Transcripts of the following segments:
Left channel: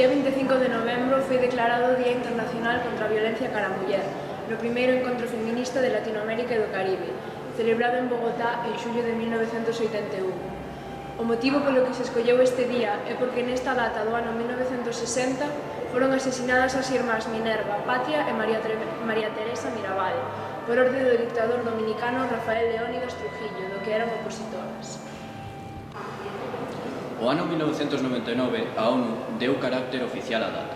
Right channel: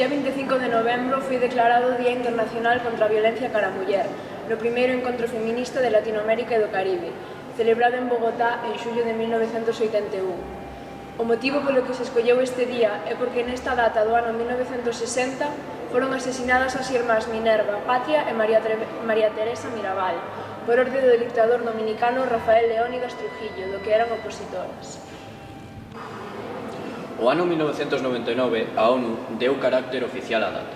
día 25 de novembro foi declarado o Día Internacional contra a Violencia cara a Muller, no primeiro encontro feminista de Latinoamérica e do Caribe, celebrado en Bogotá en xullo de 1981. O motivo polo que se escolleu este día é porque nesta data do ano 1960 foron asesinadas as irmás Minerva, Patria e María Teresa Mirabal, por orde do dictador dominicano Rafael Leónidas Trujillo, do que eran opositoras. O ano 1999 a ONU deu carácter oficial á data.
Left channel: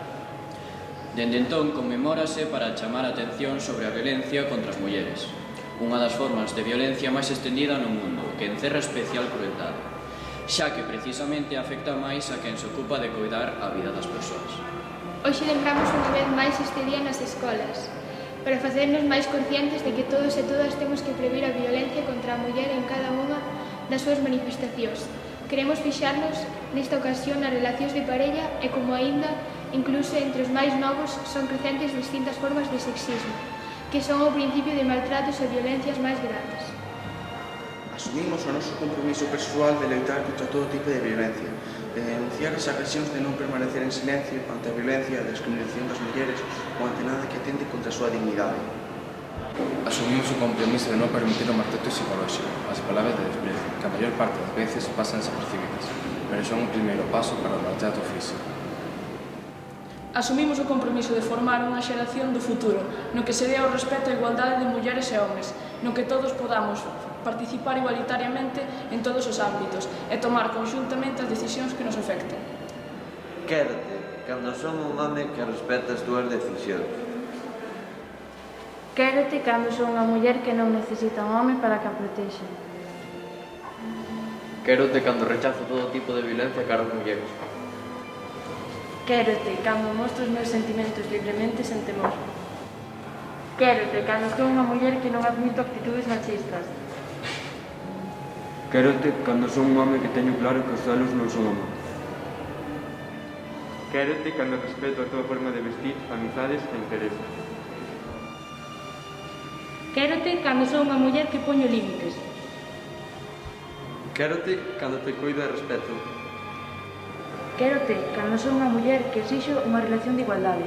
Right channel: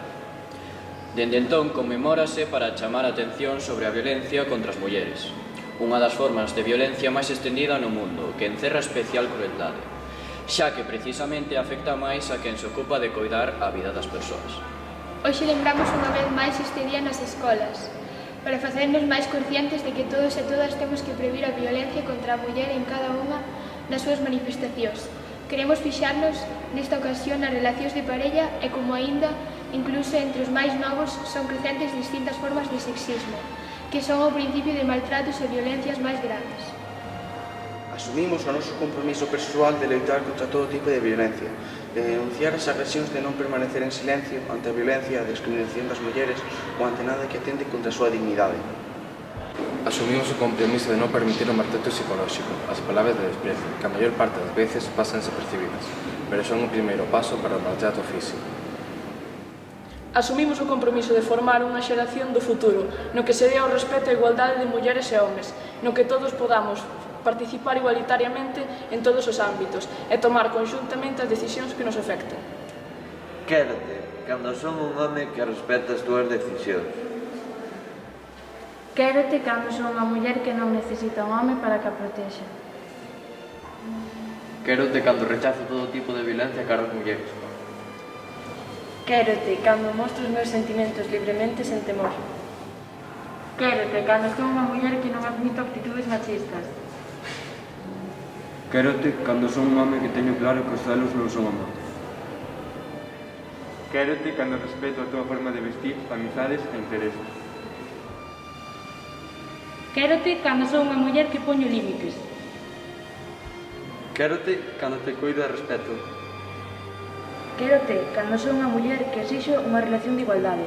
Dende entón conmemórase para chamar a atención sobre a violencia contra as mulleres, unha das formas de violencia máis estendida no mundo, que encerra especial crueldade, xa que precisamente afecta máis a quen se ocupa de coidar a vida das persoas. Hoxe lembramos unha vez máis este día nas escolas, para facernos máis conscientes de que todos e todas temos que previr a violencia contra a muller en cada unha das súas manifestacións. Queremos fixarnos nesta ocasión nas relacións de parella e como aínda, incluso entre os máis novos, son crecentes distintas formas de sexismo, que son o principio de maltratos e violencias máis grandes. Asumimos o noso compromiso persoal de loitar contra todo tipo de violencia, de denunciar as agresións, de non permanecer en silencio ante a violencia e a discriminación das mulleres ou ante nada que atente contra a súa dignidade. Asumimos o compromiso de non permitir o maltrato psicolóxico, as palabras de desprezo, que a maior parte das veces pasan desapercibidas, pero son un primeiro paso para o maltrato físico. Asumimos o compromiso de formar unha xeración do futuro, no que se dé ao respeto e a igualdade de mulleres e homes, no que todos podamos participar igualitariamente en todos os ámbitos e tomar conxuntamente as decisións que nos afectan. Quérote, cando son un home que respeta as túas decisións. Quérote cando son unha muller que non necesita un home para que a protexa. Quérote cando rechazo todo tipo de violencia cara ás mulleres. Quérote cando mostro os meus sentimentos libremente sen temor. Quérote cando son unha muller que non admito actitudes machistas. Quérote cando son un home que teño claro que os celos non son amor. Quérote cando respeto a túa forma de vestir, amizades e intereses. Quérote cando son unha muller que poño límites. Quérote cando te coido e respeto. Quérote cando son unha muller que exixo unha relación de igualdade.